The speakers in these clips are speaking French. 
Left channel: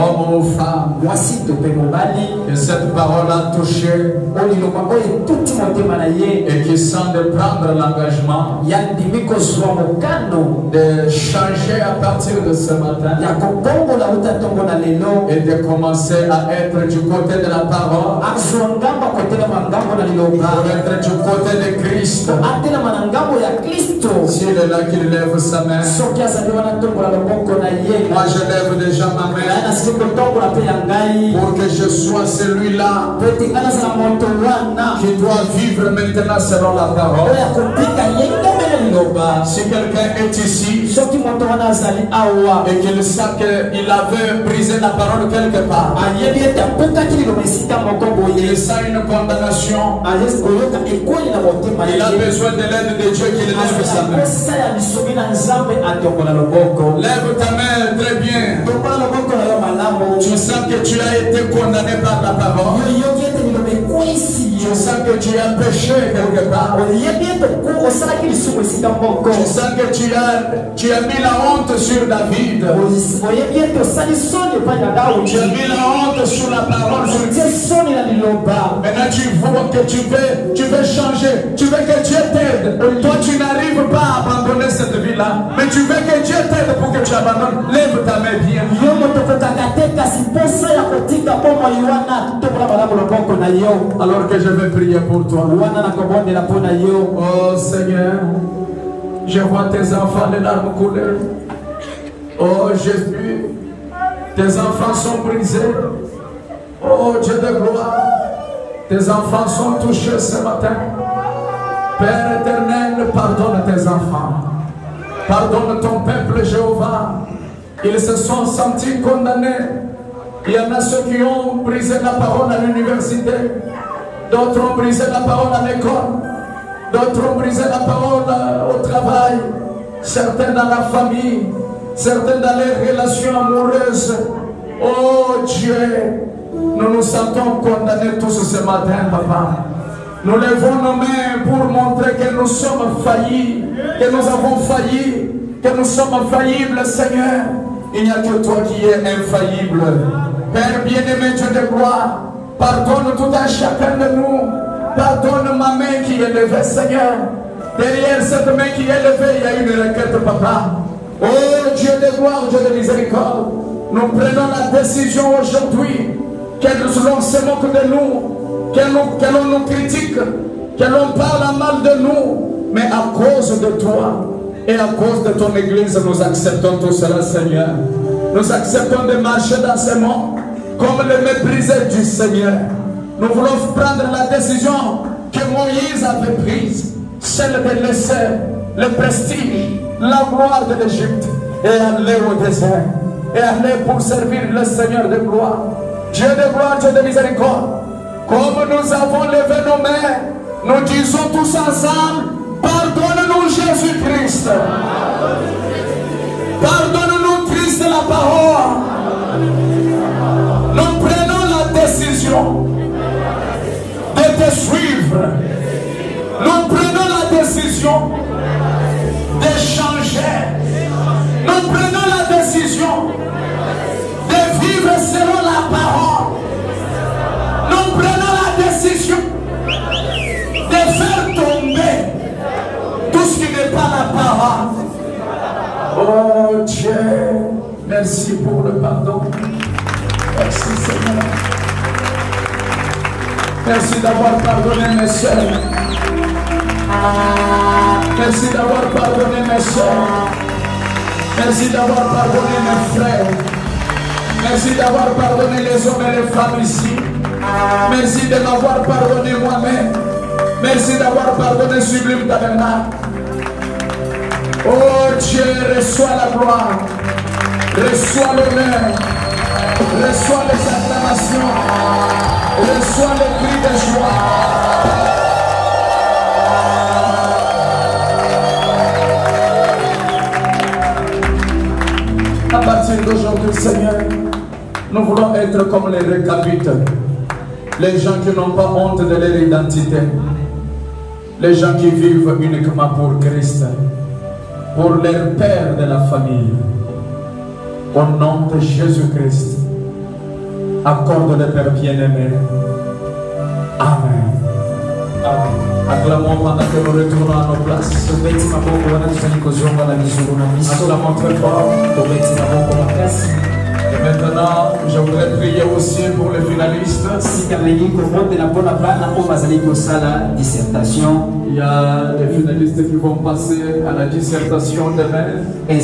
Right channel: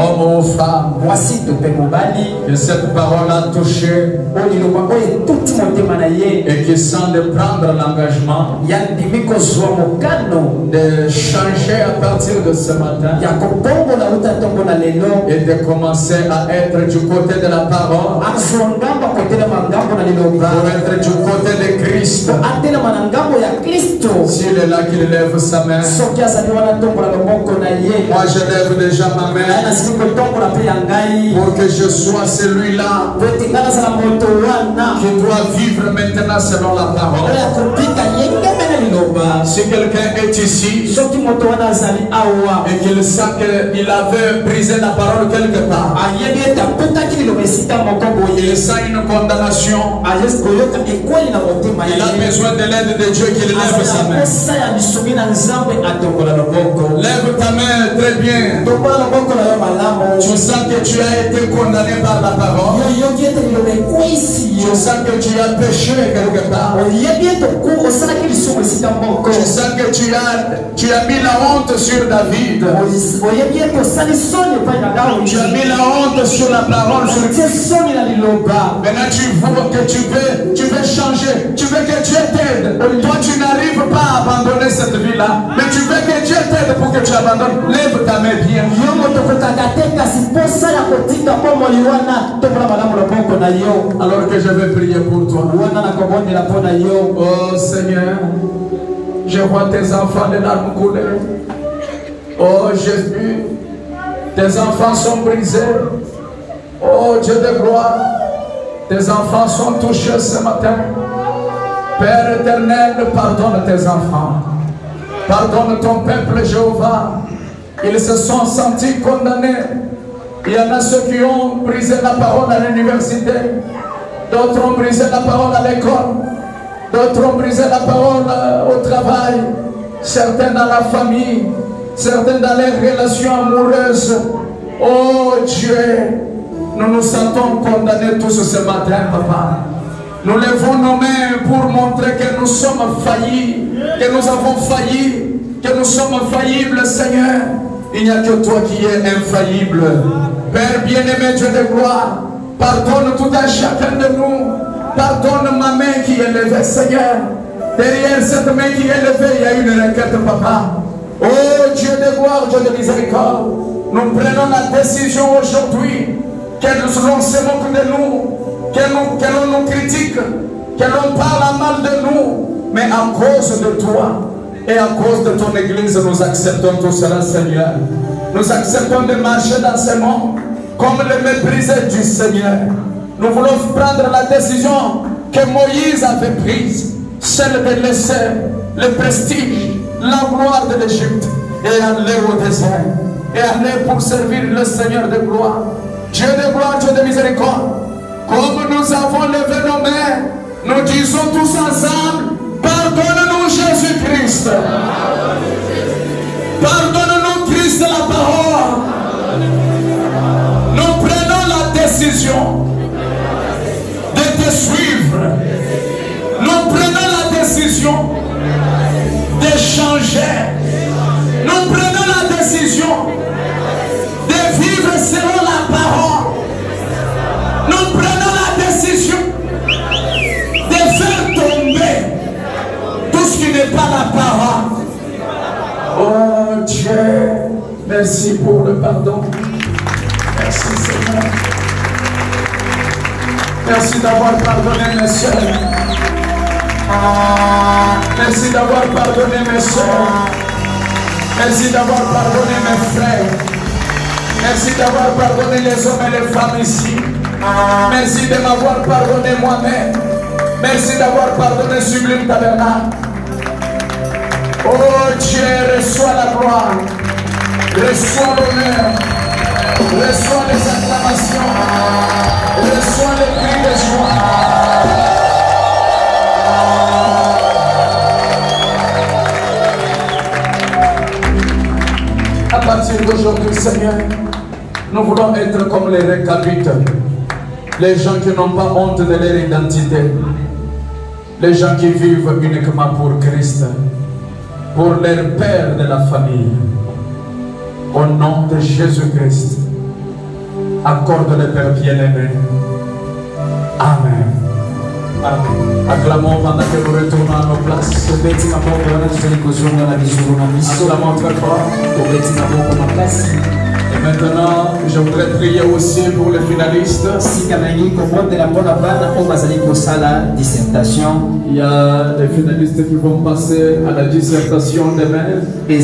Homme ou femme, que cette parole a touché et qui sent de prendre l'engagement de changer à partir de ce matin et de commencer à être du côté de la parole, pour être du côté de Christ. S'il est là, qu'il lève sa main. Moi je lève déjà ma main pour que je sois celui-là qui doit vivre maintenant selon la parole. Si quelqu'un est ici et qu'il sait qu'il avait brisé la parole quelque part, il sent une condamnation, il a besoin de l'aide de Dieu, qu'il lève sa main. Lève ta main très bien. Tu sens que tu as été condamné par la parole. Tu sens que tu as péché quelque part. Tu sens que tu as mis la honte sur David. Tu as mis la honte sur la parole. Maintenant tu vois que tu veux changer. Tu veux que Dieu t'aide. Toi tu n'arrives pas à abandonner cette vie-là. Mais tu veux que Dieu t'aide pour que tu abandonnes. Lève ta main bien. Alors que je vais prier pour toi. Oh Seigneur, je vois tes enfants les larmes couler. Oh Jésus, tes enfants sont brisés. Oh Dieu de gloire, tes enfants sont touchés ce matin. Père éternel, pardonne tes enfants. Pardonne ton peuple Jéhovah. Ils se sont sentis condamnés. Il y en a ceux qui ont brisé la parole à l'université. D'autres ont brisé la parole à l'école. D'autres ont brisé la parole au travail. Certains dans la famille. Certains dans les relations amoureuses. Oh Dieu, nous nous sentons condamnés tous ce matin, Papa. Nous levons nos mains pour montrer que nous sommes faillis, que nous avons failli, que nous sommes faillibles, Seigneur. Il n'y a que toi qui es infaillible. Père bien-aimé, Dieu de gloire, pardonne tout un chacun de nous. Pardonne ma main qui est levée, Seigneur. Derrière cette main qui est levée, il y a une requête, Papa. Oh Dieu de gloire, Dieu de miséricorde, nous prenons la décision aujourd'hui que l'on se moque de nous, que l'on nous critique, que l'on parle mal de nous, mais à cause de toi et à cause de ton église, nous acceptons tout cela, Seigneur. Nous acceptons de marcher dans ce monde comme le méprisé du Seigneur. Nous voulons prendre la décision que Moïse avait prise, celle de laisser le prestige, la gloire de l'Égypte et aller au désert et aller pour servir le Seigneur de gloire. Dieu de gloire, Dieu de miséricorde, comme nous avons levé nos mains, nous disons tous ensemble, pardonne-nous Jésus-Christ. Pardonne-nous Christ la parole. Nous prenons la décision de te suivre. Nous prenons la décision de changer. Nous prenons la décision de vivre selon la parole. Nous prenons la décision de faire tomber tout ce qui n'est pas la parole. Oh Dieu, merci pour le pardon. Merci Seigneur. Merci d'avoir pardonné mes soeurs. Merci d'avoir pardonné mes soeurs. Merci d'avoir pardonné mes frères. Merci d'avoir pardonné les hommes et les femmes ici. Merci de m'avoir pardonné moi-même. Merci d'avoir pardonné Sublime Tabernacle. Oh Dieu, reçois la gloire, reçois l'honneur, reçois les acclamations, reçois les cris de joie. À partir d'aujourd'hui, Seigneur, nous voulons être comme les récabites, les gens qui n'ont pas honte de leur identité, les gens qui vivent uniquement pour Christ, pour leur père de la famille. Au nom de Jésus-Christ, accorde le Père bien-aimé. Amen. Acclamons pendant que nous retournons à nos places. Acclamons très fort. Et maintenant, je voudrais prier aussi pour les finalistes. Il y a des finalistes qui vont passer à la dissertation demain. Ils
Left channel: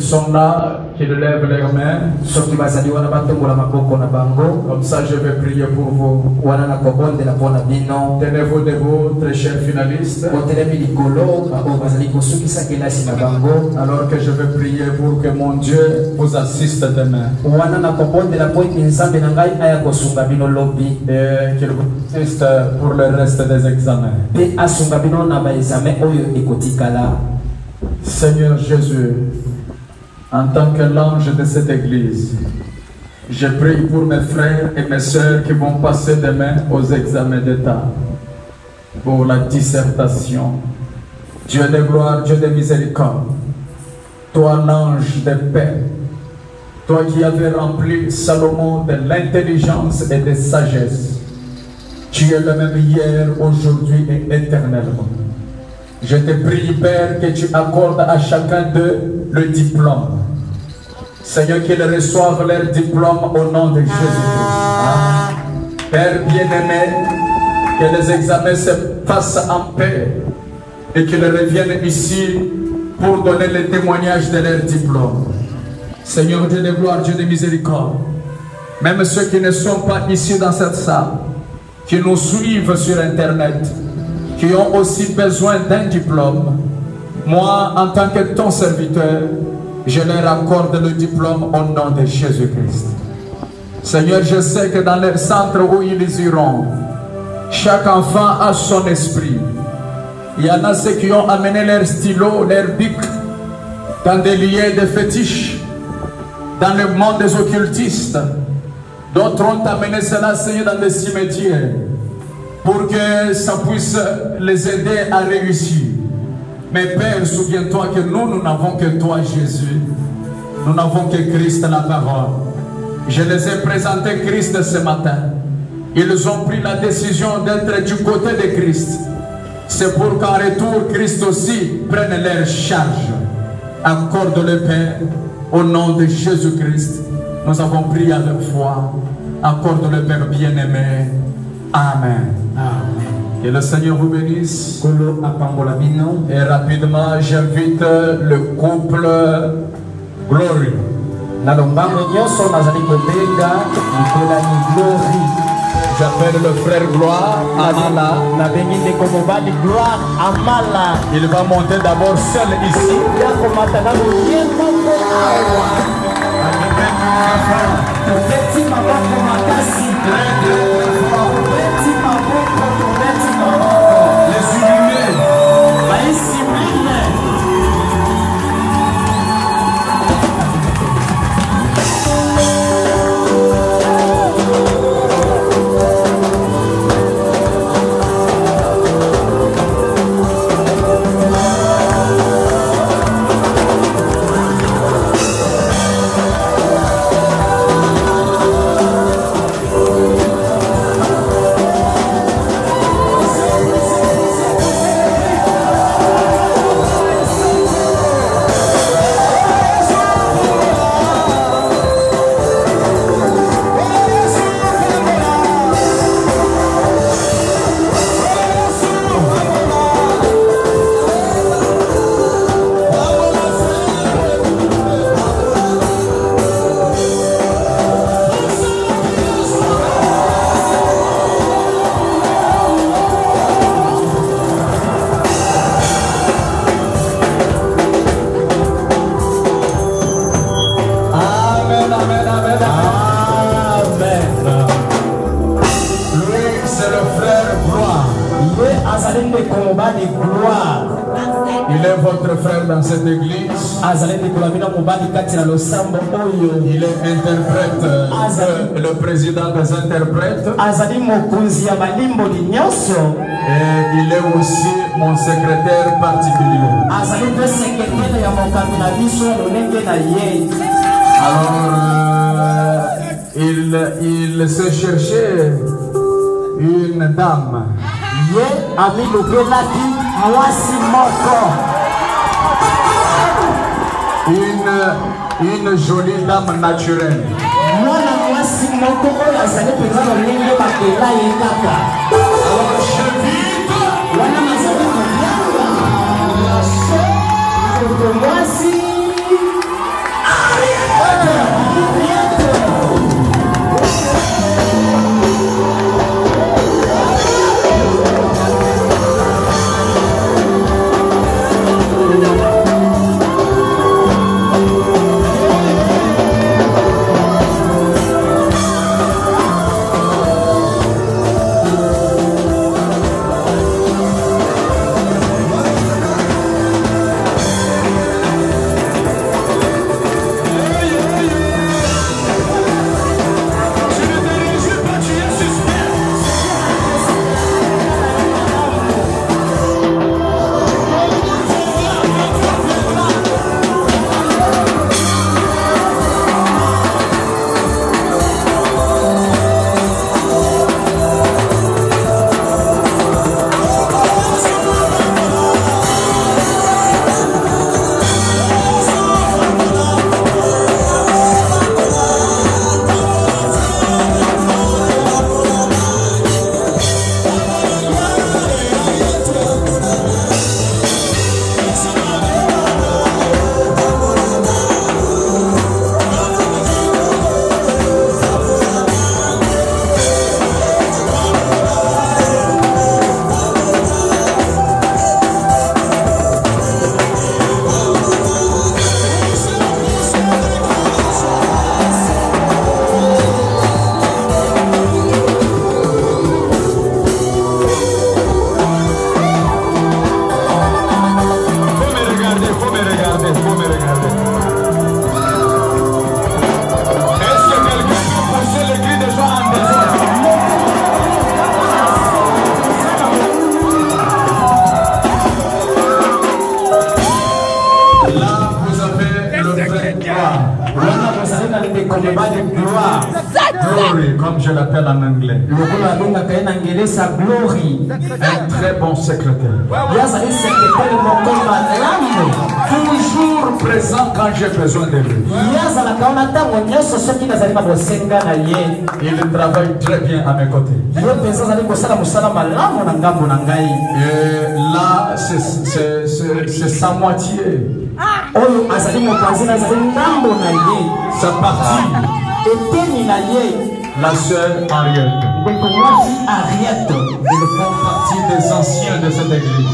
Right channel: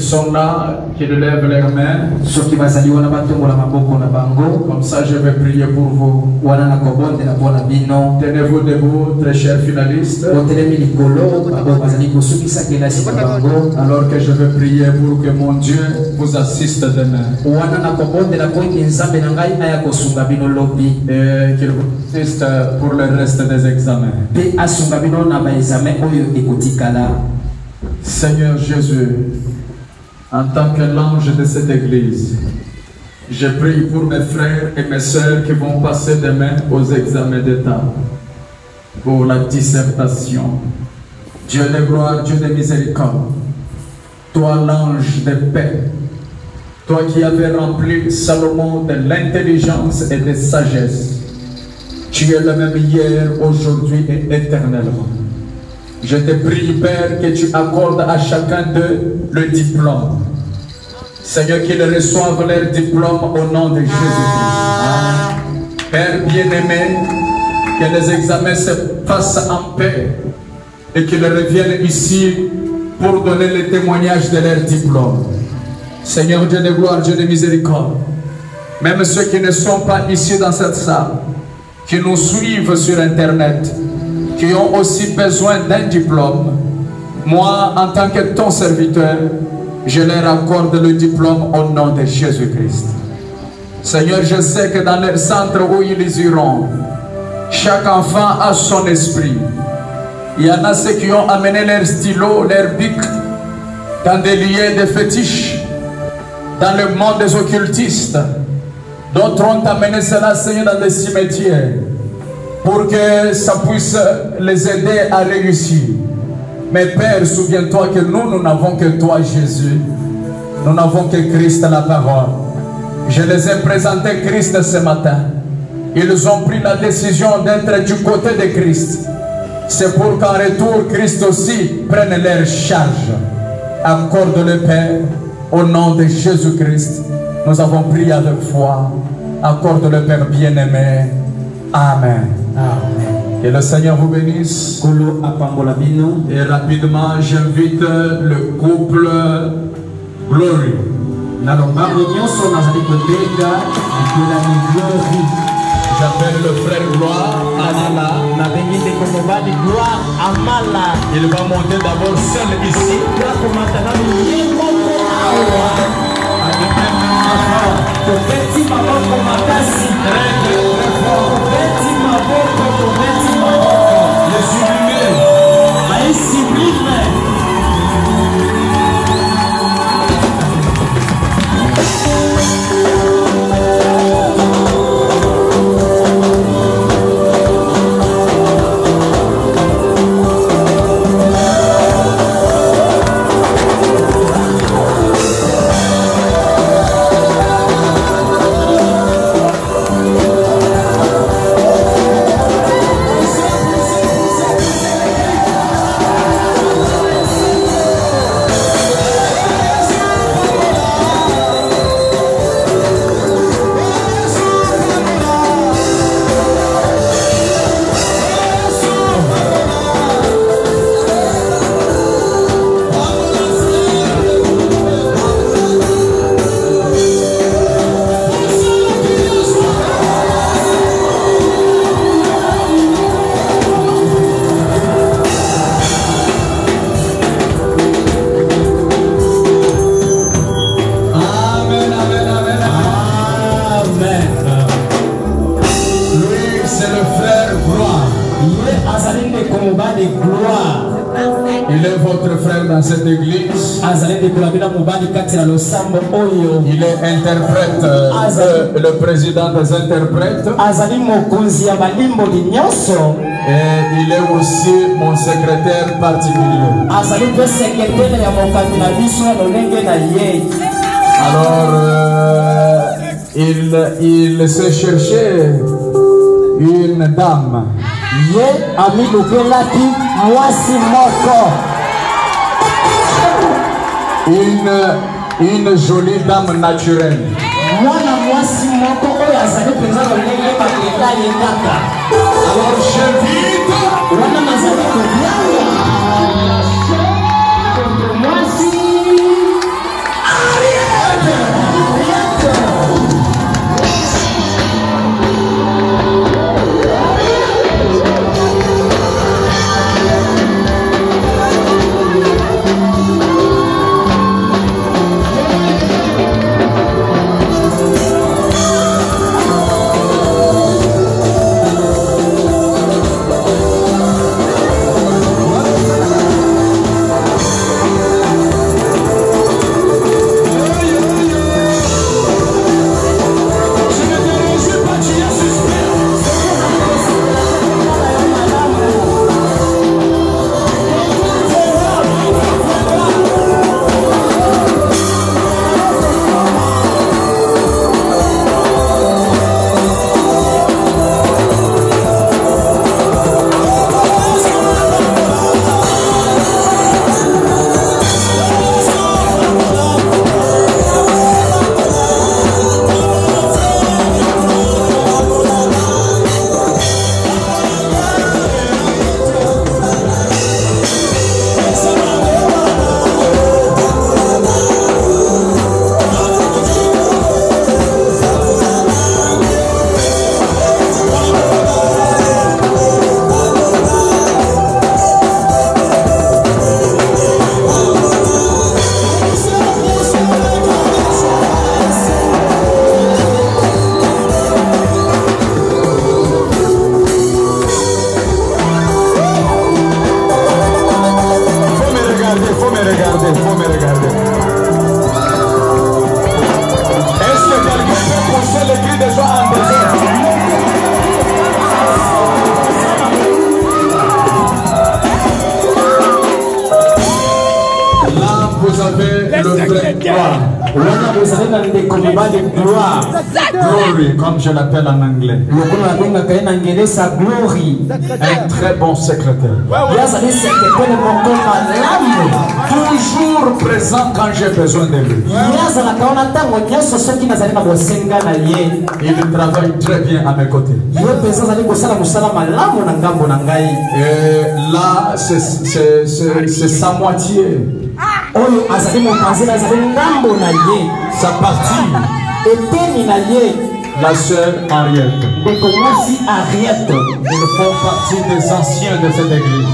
sont là, qui lèvent leurs mains. Comme ça, je vais prier pour vous. Tenez-vous debout, très chers finalistes. Alors que je vais prier pour que mon Dieu vous assiste demain. Et qu'il vous assiste pour le reste des examens. Seigneur Jésus, en tant que l'ange de cette église, je prie pour mes frères et mes sœurs qui vont passer demain aux examens d'État, pour la dissertation. Dieu de gloire, Dieu de miséricorde, toi l'ange de paix, toi qui avais rempli Salomon de l'intelligence et de sagesse, tu es le même hier, aujourd'hui et éternellement. Je te prie, Père, que tu accordes à chacun d'eux le diplôme. Seigneur, qu'ils reçoivent leur diplôme au nom de Jésus-Christ. Père bien-aimé, que les examens se fassent en paix et qu'ils reviennent ici pour donner le témoignage de leur diplôme. Seigneur Dieu de gloire, Dieu de miséricorde, même ceux qui ne sont pas ici dans cette salle, qui nous suivent sur Internet, qui ont aussi besoin d'un diplôme, moi, en tant que ton serviteur, je leur accorde le diplôme au nom de Jésus-Christ. Seigneur, je sais que dans les centres où ils iront, chaque enfant a son esprit. Il y en a ceux qui ont amené leur stylo, leur bic, dans des lieux de fétiches, dans le monde des occultistes. D'autres ont amené cela, Seigneur, dans des cimetières, pour que ça puisse les aider à réussir. Mais Père, souviens-toi que nous n'avons que toi, Jésus. Nous n'avons que Christ à la parole. Je les ai présentés Christ ce matin. Ils ont pris la décision d'être du côté de Christ. C'est pour qu'en retour, Christ aussi prenne leur charge. Accorde le Père, au nom de Jésus-Christ. Nous avons prié avec foi. Accorde le Père bien-aimé. Amen. Amen. Que le Seigneur vous bénisse. Et rapidement, j'invite le couple Glory. J'appelle le frère Gloire Amala. Il va monter d'abord seul ici. Il est votre frère dans cette église. Il est interprète, le président des interprètes. Et il est aussi mon secrétaire particulier. Alors, il se cherchait une dame. Une jolie dame naturelle. Alors j'invite Glory, comme je l'appelle en anglais. Un très bon secrétaire. Toujours présent quand j'ai besoin de lui. Il travaille très bien à mes côtés. Et là, c'est sa moitié. Sa partie. La sœur Ariette. Ils font partie des anciens de cette église.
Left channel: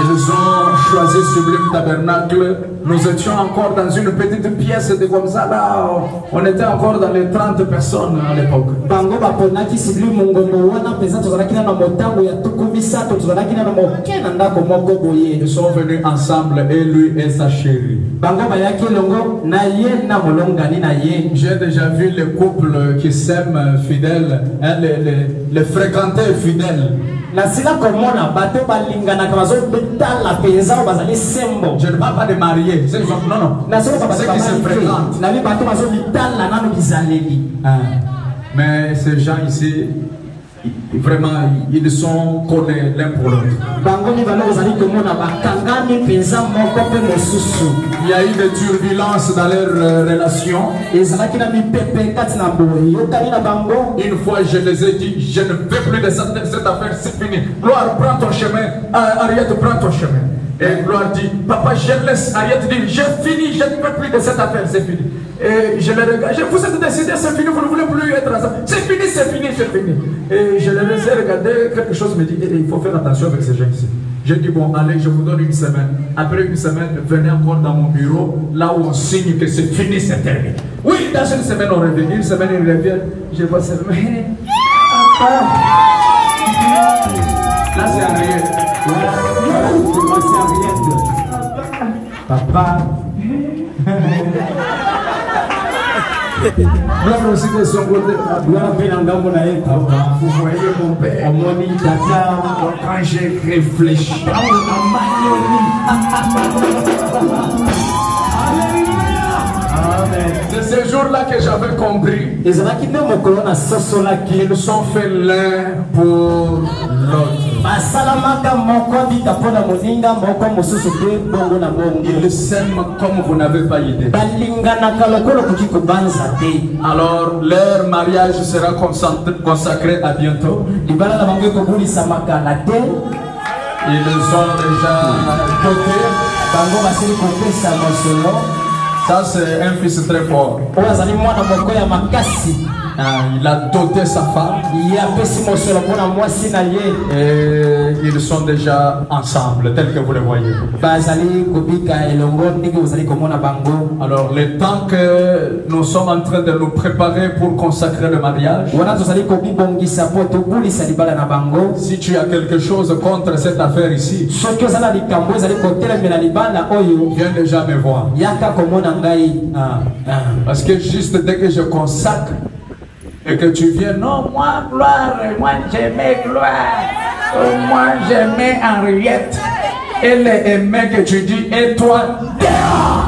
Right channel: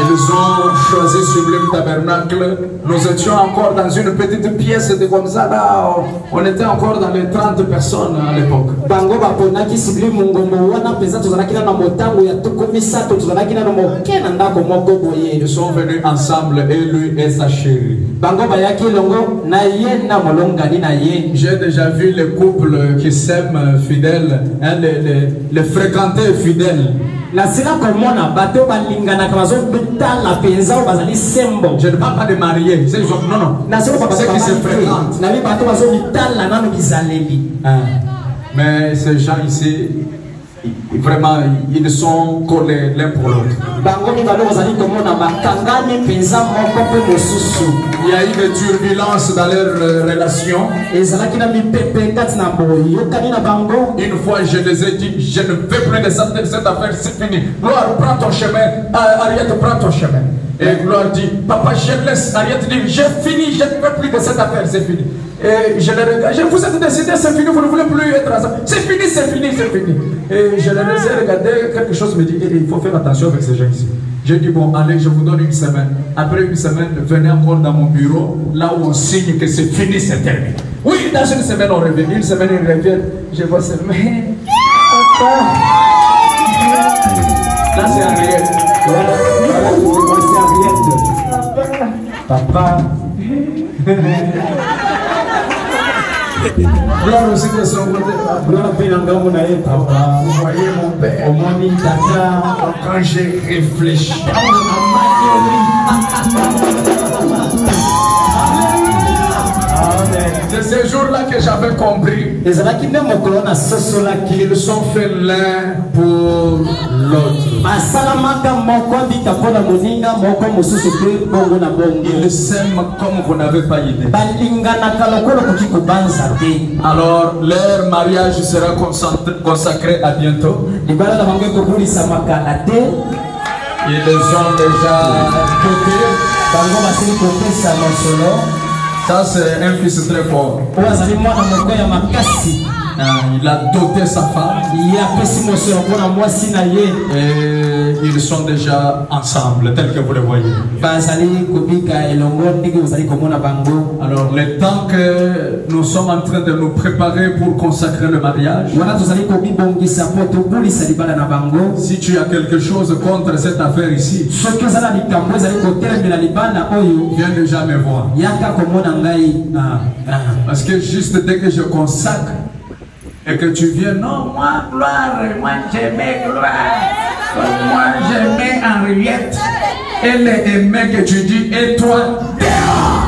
Ils ont choisi Sublime Tabernacle. Nous étions encore dans une petite pièce de comme ça là. On était encore dans les 30 personnes à l'époque. Ils sont venus ensemble, et lui et sa chérie. J'ai déjà vu les couples qui s'aiment fidèles, hein, les fréquentaires fidèles. Je ne parle pas de mariés, non, non. C'est qui se fréquentent. Mais ces gens ici, vraiment, ils sont collés l'un pour l'autre. Il y a eu des turbulences dans leur relation. Une fois, je les ai dit, je ne veux plus de cette affaire, c'est fini. Gloire, prends ton chemin. Ariette, prends ton chemin. Et Gloire dit, papa, je laisse. Ariette dit, j'ai fini, je ne veux plus de cette affaire, c'est fini. Et je les regarde, vous êtes décidé, c'est fini, vous ne voulez plus être ensemble. C'est fini, c'est fini, c'est fini. Et je les laissais regarder, quelque chose me dit, il faut faire attention avec ces gens ici. J'ai dit, bon, allez, je vous donne une semaine. Après une semaine, venez encore dans mon bureau, là où on signe que c'est fini, c'est terminé. Oui, dans une semaine, on revient. Une semaine, il revient. Je vois ça, mais papa. Là, c'est Ariette. Papa. Gloire aussi de son côté. Gloire papa. Vous voyez mon père. Au monde tata. Quand j'ai réfléchi. C'est ce jour-là que j'avais compris. Ils sont faits l'un pour l'autre. Ils s'aiment comme vous n'avez pas idée. Alors leur mariage sera consacré à bientôt. Ils ont déjà coté. Ça c'est un fils très fort. Il a doté sa femme. Et ils sont déjà ensemble, tel que vous le voyez. Alors, le temps que nous sommes en train de nous préparer pour consacrer le mariage, si tu as quelque chose contre cette affaire ici, viens déjà me voir. Parce que juste dès que je consacre, et que tu viens, non, moi, gloire, moi j'aimais gloire, moi j'aimais Henriette. Elle aimait que tu dis, et toi, dehors.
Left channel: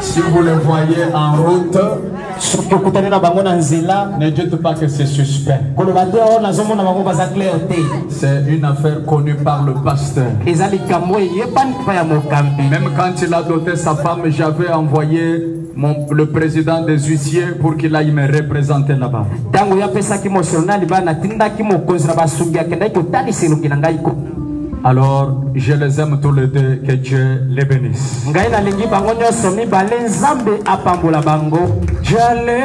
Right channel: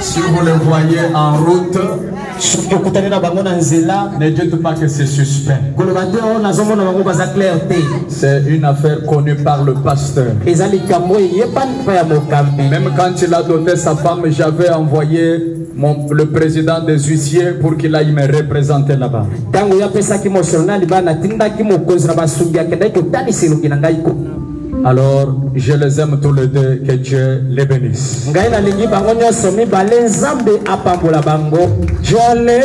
Si vous le voyez en route, ne dites pas que c'est suspect. C'est une affaire connue par le pasteur. Même quand il a doté sa femme, j'avais envoyé le président des huissiers pour qu'il aille me représenter là-bas. Alors, je les aime tous les deux, que Dieu les bénisse. J'allais